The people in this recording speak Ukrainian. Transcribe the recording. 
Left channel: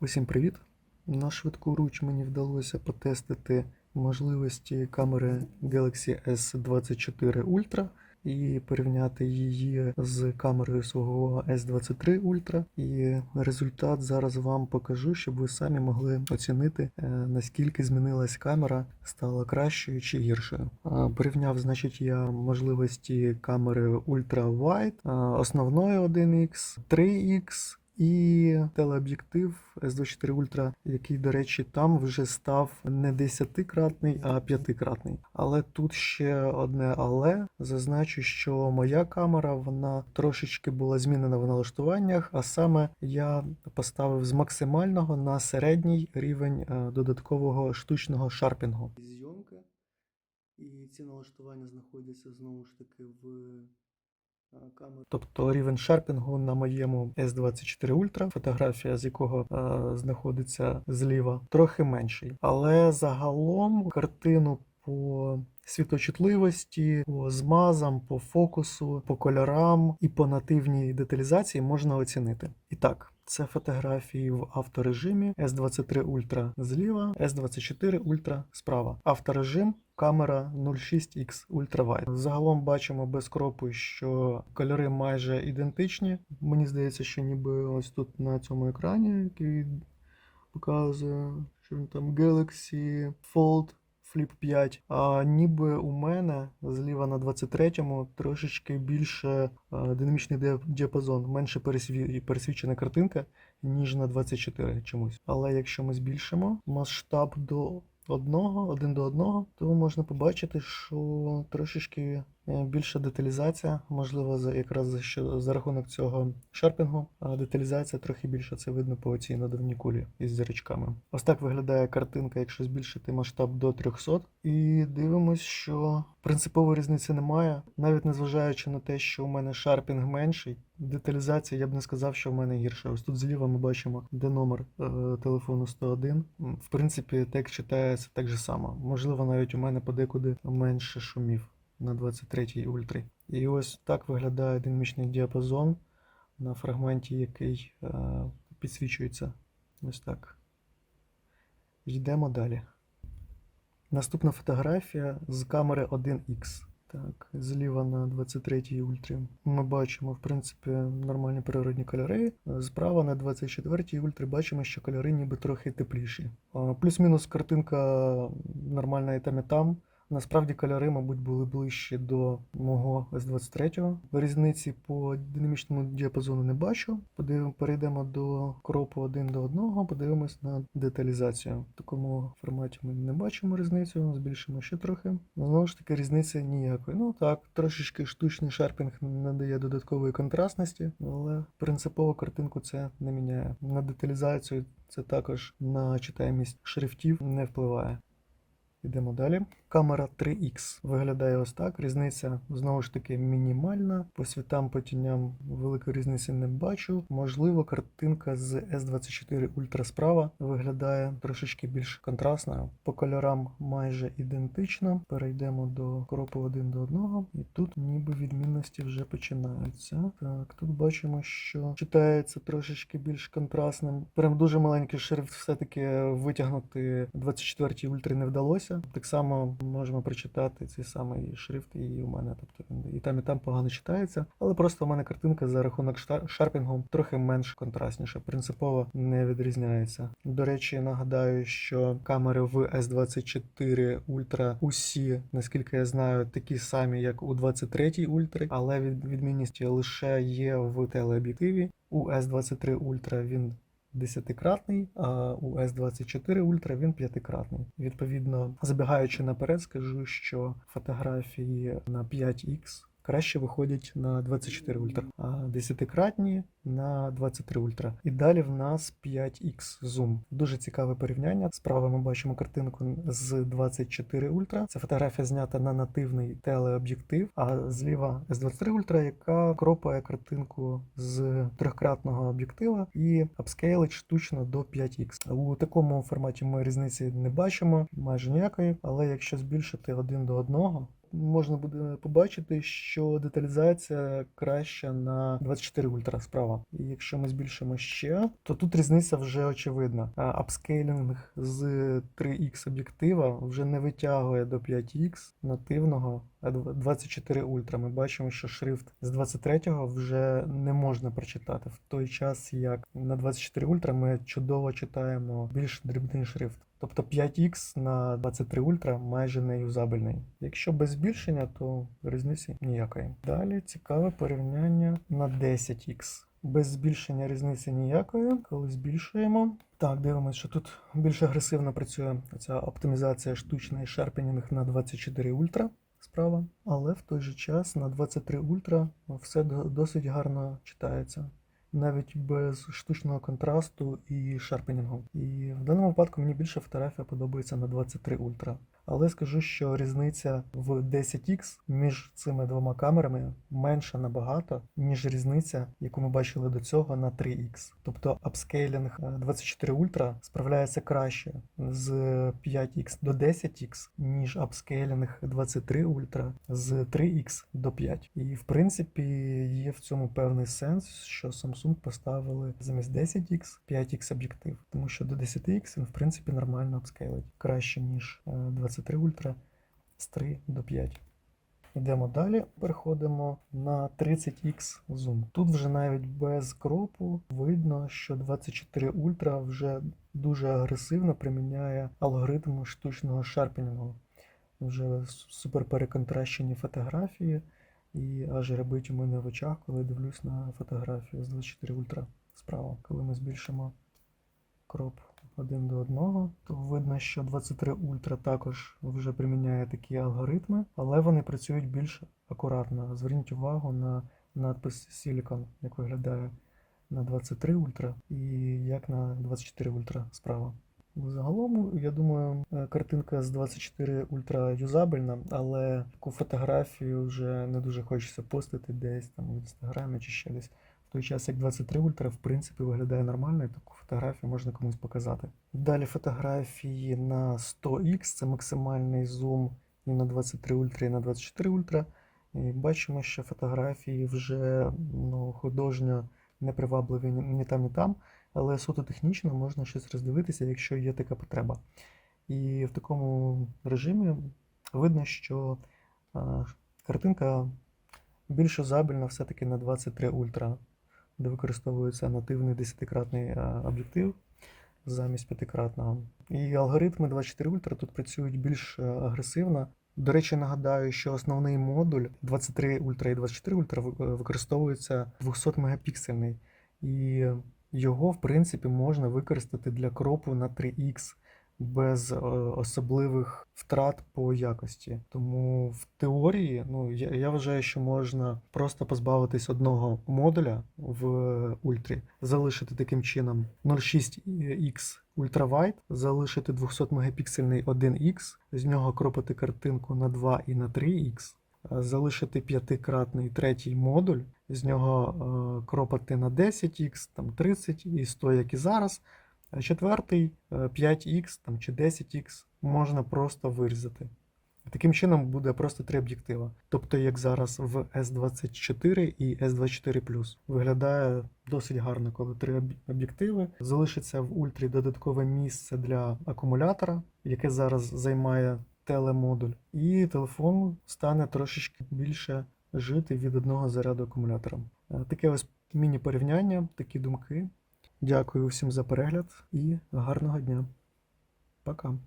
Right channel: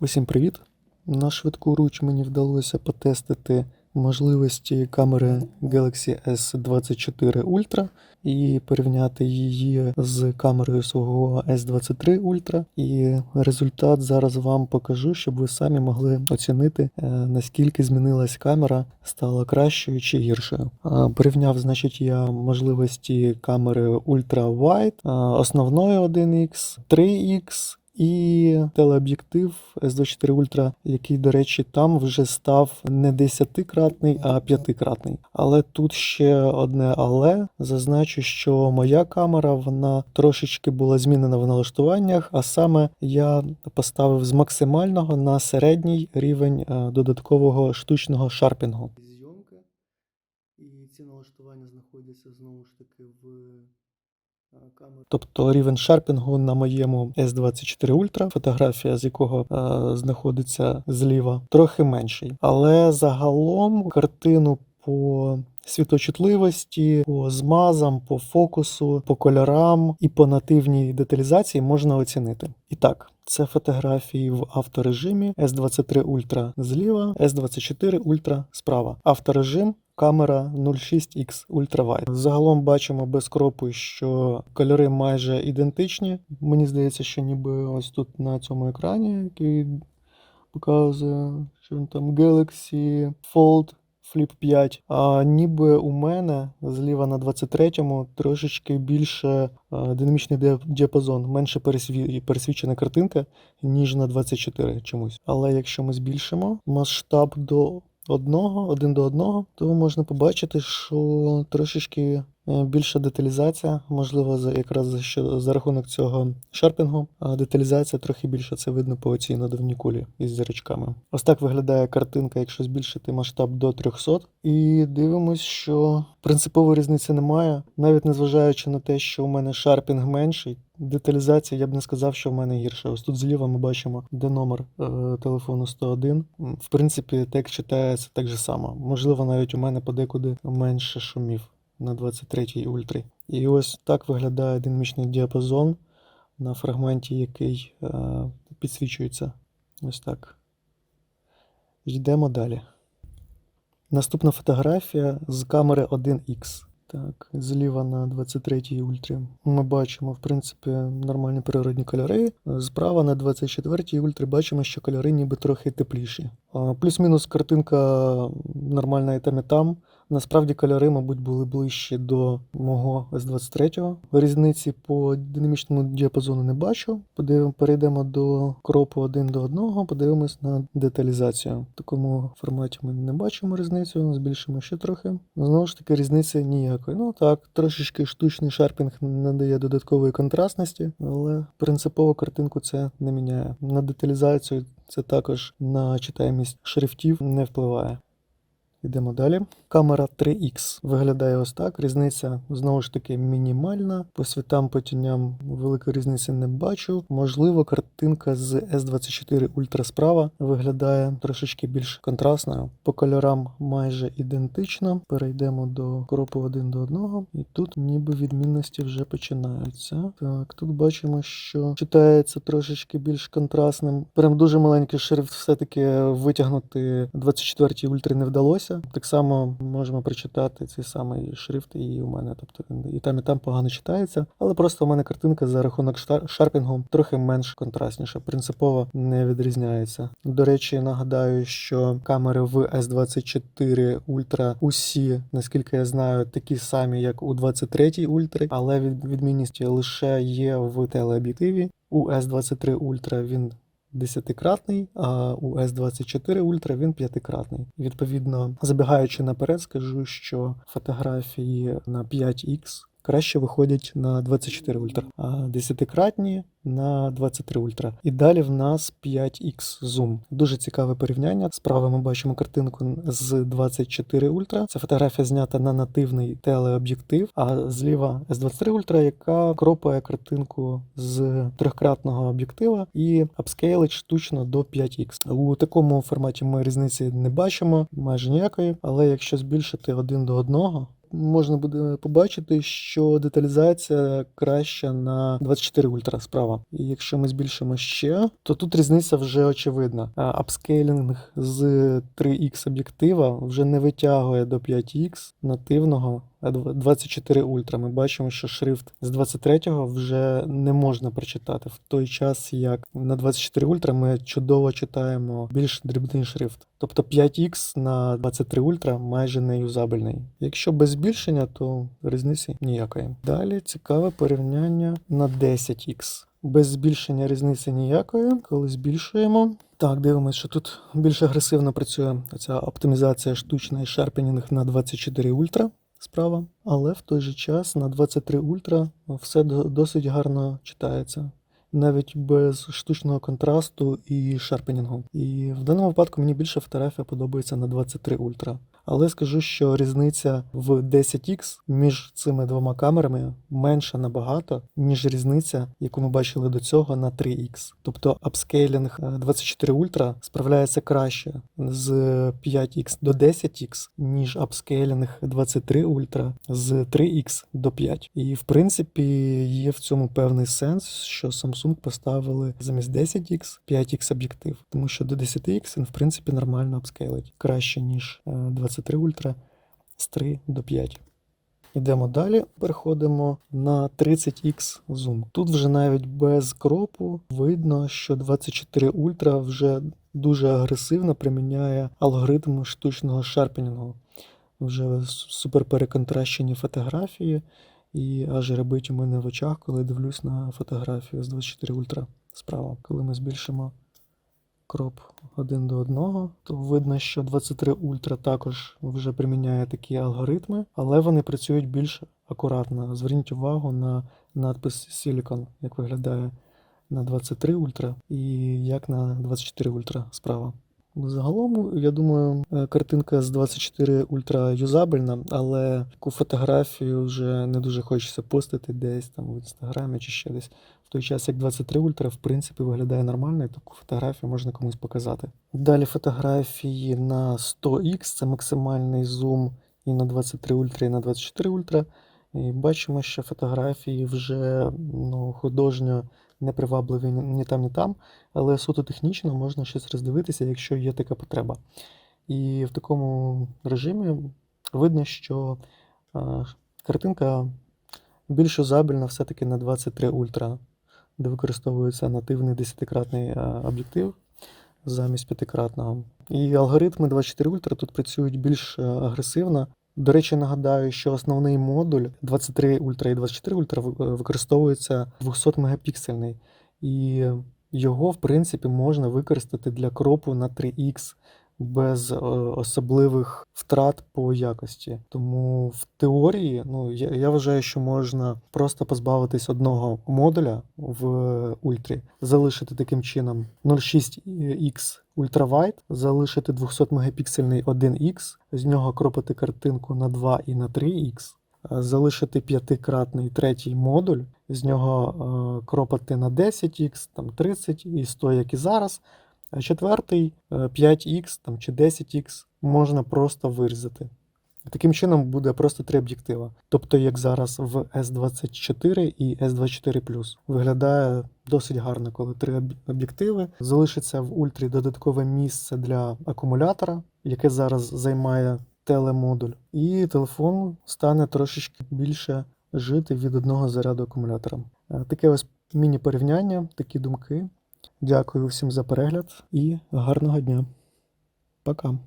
Усім привіт! На швидку руч мені вдалося потестити можливості камери Galaxy S24 Ultra і порівняти її з камерою свого S23 Ultra. І результат зараз вам покажу, щоб ви самі могли оцінити, е, наскільки змінилась камера, стала кращою чи гіршою. Порівняв, значить, я можливості камери Ultra Wide, основної 1X, 3X і телеоб'єктив S24 Ultra, який, до речі, там вже став не 10-кратний, а 5-кратний. Але тут ще одне але. Зазначу, що моя камера вона трошечки була змінена в налаштуваннях, а саме я поставив з максимального на середній рівень е, додаткового штучного шарпінгу. Зйомка, і ці налаштування знаходяться знову ж таки в. Тобто рівень шарпінгу на моєму S24 Ultra, фотографія з якого е, знаходиться зліва, трохи менший. Але загалом картину по світочутливості, по змазам, по фокусу, по кольорам і по нативній деталізації можна оцінити. І так. Це фотографії в авторежимі S23 Ultra зліва, S24 Ultra справа. Авторежим камера 06X Ultra. Загалом бачимо без кропу, що кольори майже ідентичні. Мені здається, що ніби ось тут на цьому екрані, який показує, що він там Galaxy Fold Flip 5. А ніби у мене зліва на 23-му трошечки більше е, динамічний ди- діапазон, менше пересві- пересвічена картинка, ніж на 24 чомусь. Але якщо ми збільшимо масштаб до одного, один до одного, то можна побачити, що трошечки більша деталізація, можливо, за якраз за що за рахунок цього шарпінгу, а деталізація трохи більша. Це видно по оцій надувній кулі із зірочками. Ось так виглядає картинка, якщо збільшити масштаб до 300. І дивимось, що принципової різниці немає, навіть незважаючи на те, що у мене шарпінг менший. Деталізація, я б не сказав, що в мене гірша. Ось тут зліва ми бачимо, де номер е, телефону 101. М, В принципі, текст читається так же само. Можливо, навіть у мене подекуди менше шумів на 23-й ультрі. І ось так виглядає динамічний діапазон на фрагменті, який е, підсвічується. Ось так. Йдемо далі. Наступна фотографія з камери 1X. Так, зліва на 23-й ультрі ми бачимо, в принципі, нормальні природні кольори. Справа на 24-й ультрі бачимо, що кольори ніби трохи тепліші. Плюс-мінус картинка нормальна і там, і там. Насправді кольори, мабуть, були ближче до мого S23. Різниці по динамічному діапазону не бачу. Подивимо, перейдемо до кропу один до одного, подивимось на деталізацію. В такому форматі ми не бачимо різницю, збільшимо ще трохи. Знову ж таки, різниці ніякої. Ну так, трошечки штучний шарпінг надає додаткової контрастності, але принципово картинку це не міняє. На деталізацію це також на читаємість шрифтів не впливає. Йдемо далі. Камера 3X виглядає ось так. Різниця знову ж таки мінімальна. По світам, по тіням великої різниці не бачу. Можливо, картинка з S24 Ultra справа виглядає трошечки більш контрастною. По кольорам майже ідентично. Перейдемо до кропу один до одного. І тут ніби відмінності вже починаються. Так, тут бачимо, що читається трошечки більш контрастним. Прям дуже маленький шрифт все-таки витягнути 24 ультрі не вдалося. Так само можемо прочитати цей самий шрифт і у мене. Тобто він і там, і там погано читається. Але просто у мене картинка за рахунок шарпінгу трохи менш контрастніша. Принципово не відрізняється. До речі, нагадаю, що камери в S24 Ultra усі, наскільки я знаю, такі самі, як у 23 Ultra, але від- відмінність лише є в телеоб'єктиві. У S23 Ultra він 10-кратний, а у S24 Ultra він 5-кратний. Відповідно, забігаючи наперед, скажу, що фотографії на 5X краще виходять на 24 Ultra, а 10-кратні на 23 Ultra. І далі в нас 5X Zoom. Дуже цікаве порівняння. Справа ми бачимо картинку з 24 Ultra. Це фотографія знята на нативний телеоб'єктив, а зліва S23 Ultra, яка кропає картинку з трьохкратного об'єктива і апскейлить штучно до 5X. У такому форматі ми різниці не бачимо майже ніякої, але якщо збільшити один до одного, можна буде побачити, що деталізація краща на 24 ультра справа. І якщо ми збільшимо ще, то тут різниця вже очевидна. Апскейлінг з 3х об'єктива вже не витягує до 5х нативного 24 ультра. Ми бачимо, що шрифт з 23-го вже не можна прочитати в той час, як на 24 ультра ми чудово читаємо більш дрібний шрифт. Тобто 5х на 23 ультра майже не юзабельний. Якщо без збільшення, то різниці ніякої. Далі цікаве порівняння на 10х. Без збільшення різниці ніякої. Коли збільшуємо. Так, дивимося, що тут більш агресивно працює ця оптимізація штучна і шарпенінг на 24 ультра справа. Але в той же час на 23 ультра все до- досить гарно читається. Навіть без штучного контрасту і шарпенінгу. І в даному випадку мені більше фотографія подобається на 23 ультра. Але скажу, що різниця в 10х між цими двома камерами менша набагато, ніж різниця, яку ми бачили до цього на 3х. Тобто апскейлінг е, 24 ультра справляється краще з 5х до 10х, ніж апскейлінг 23 ультра з 3х до 5. І в принципі є в цьому певний сенс, що Samsung поставили замість 10х 5х об'єктив, тому що до 10х він в принципі нормально апскейлить краще, ніж е, 23 ультра з 3 до 5. Йдемо далі, переходимо на 30х зум. Тут вже навіть без кропу видно, що 24 ультра вже дуже агресивно приміняє алгоритм штучного шарпенінгу. Вже супер переконтращені фотографії, і аж ребить у мене в очах, коли дивлюсь на фотографію з 24 ультра справа. Коли ми збільшимо кроп один до одного, то видно, що 23 ультра також вже приміняє такі алгоритми, але вони працюють більш акуратно. Зверніть увагу на надпис Silicon, як виглядає на 23 ультра і як на 24 ультра справа. Загалом, я думаю, е, картинка з 24 ультра юзабельна, але таку фотографію вже не дуже хочеться постити десь там в інстаграмі чи ще десь. В той час, як 23 ультра, в принципі, виглядає нормально, і таку фотографію можна комусь показати. Далі фотографії на 100х, це максимальний зум і на 23 ультра, і на 24 ультра. І бачимо, що фотографії вже ну, художньо непривабливі ні ні там, ні там, але суто технічно можна щось роздивитися, якщо є така потреба. І в такому режимі видно, що картинка більш юзабельна все-таки на 23 ультра, де використовується нативний 10-кратний об'єктив замість 5-кратного. І алгоритми 24 ультра тут працюють більш е, агресивно. До речі, нагадаю, що основний модуль 23 ультра і 24 ультра ви- е, використовується 200 мегапіксельний. І його, в принципі, можна використати для кропу на 3х без е, особливих втрат по якості. Тому в теорії, ну я, я вважаю, що можна просто позбавитись одного модуля в ультрі, залишити таким чином 0,6x ультравайт, залишити 200 мегапіксельний 1x, з нього кропити картинку на 2 і на 3х. е, Залишити п'ятикратний третій модуль, з нього е, кропати на 10х, там 30 і 100, як і зараз. А четвертий е, 5х там, чи 10х можна просто вирізати. Таким чином буде просто три об'єктива. Тобто, як зараз в S24 і S24 виглядає досить гарно, коли три об'єктиви. Залишиться в ультрі додаткове місце для акумулятора, яке зараз займає телемодуль, і телефон стане трошечки більше жити від одного заряду акумулятора. Е, Таке ось міні-порівняння, такі думки. Дякую всім за перегляд і гарного дня. Пока.